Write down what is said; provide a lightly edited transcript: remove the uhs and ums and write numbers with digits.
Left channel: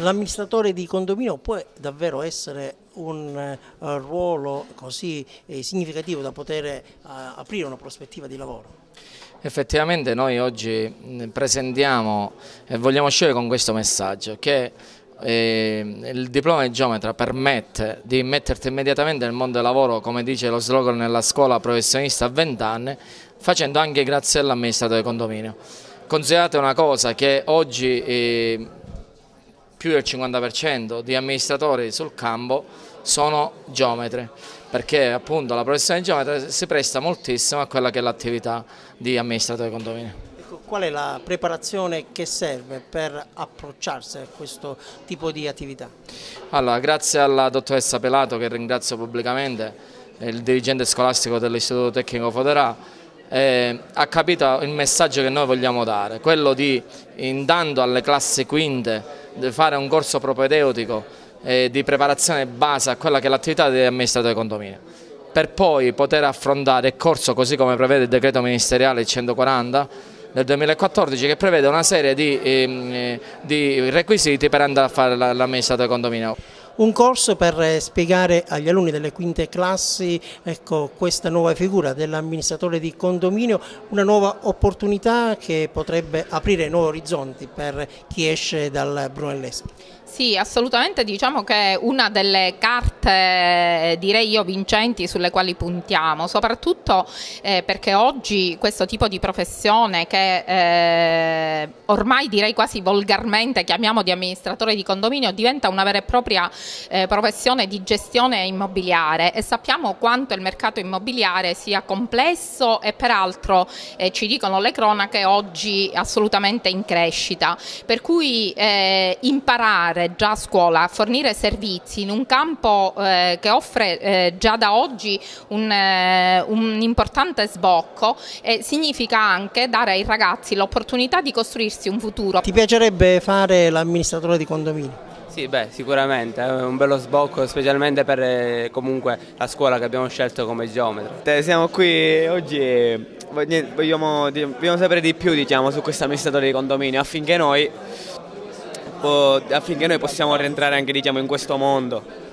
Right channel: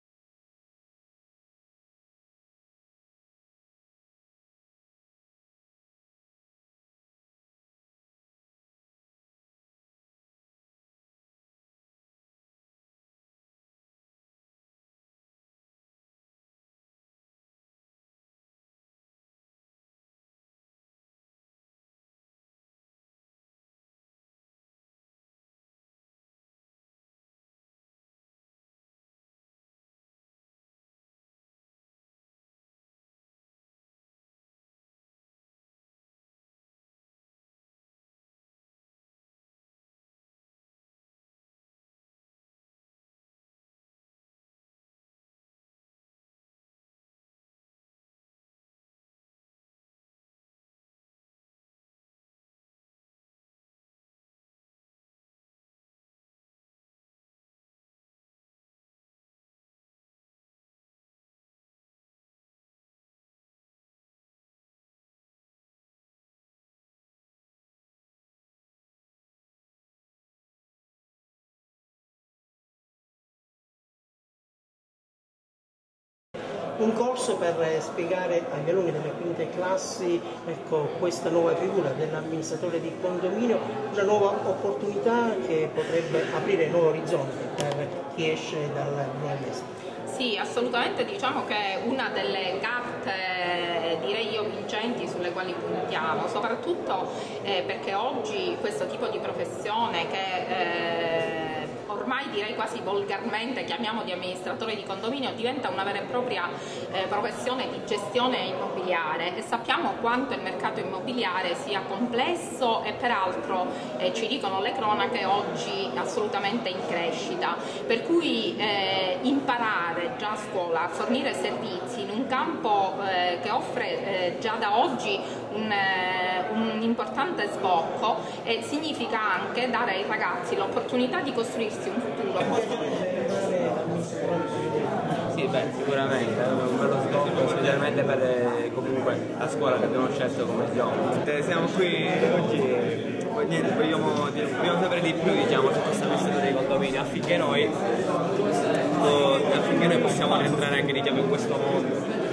L'amministratore di condominio può davvero essere un ruolo così significativo da poter aprire una prospettiva di lavoro? Effettivamente noi oggi presentiamo e vogliamo uscire con questo messaggio che il diploma di geometra permette di metterti immediatamente nel mondo del lavoro, come dice lo slogan, nella scuola professionista a 20 anni, facendo anche grazie all'amministratore di condominio. Considerate una cosa, che oggi più del 50% di amministratori sul campo sono geometri, perché appunto la professione di geometra si presta moltissimo a quella che è l'attività di amministratore di condominio. Qual è la preparazione che serve per approcciarsi a questo tipo di attività? Allora, grazie alla dottoressa Pelato, che ringrazio pubblicamente, il dirigente scolastico dell'Istituto Tecnico Foderà, ha capito il messaggio che noi vogliamo dare, quello di, intanto alle classi quinte, di fare un corso propedeutico di preparazione base a quella che è l'attività di amministratore di condominio, per poi poter affrontare il corso così come prevede il decreto ministeriale 140 del 2014, che prevede una serie di requisiti per andare a fare l'amministratore di condominio. Un corso per spiegare agli alunni delle quinte classi, ecco, questa nuova figura dell'amministratore di condominio, una nuova opportunità che potrebbe aprire nuovi orizzonti per chi esce dal brunellesco. Sì, assolutamente, diciamo che è una delle carte, direi io, vincenti sulle quali puntiamo, soprattutto perché oggi questo tipo di professione che ormai direi quasi volgarmente chiamiamo di amministratore di condominio diventa una vera e propria professione di gestione immobiliare, e sappiamo quanto il mercato immobiliare sia complesso e peraltro ci dicono le cronache oggi assolutamente in crescita, per cui imparare già a scuola a fornire servizi in un campo che offre già da oggi un importante sbocco significa anche dare ai ragazzi l'opportunità di costruirsi un futuro. Ti piacerebbe fare l'amministratore di condominio? Sì, beh, sicuramente, è un bello sbocco, specialmente per comunque la scuola che abbiamo scelto come geometri. Siamo qui oggi e vogliamo sapere di più, diciamo, su questo amministratore di condominio affinché noi possiamo rientrare anche, diciamo, in questo mondo.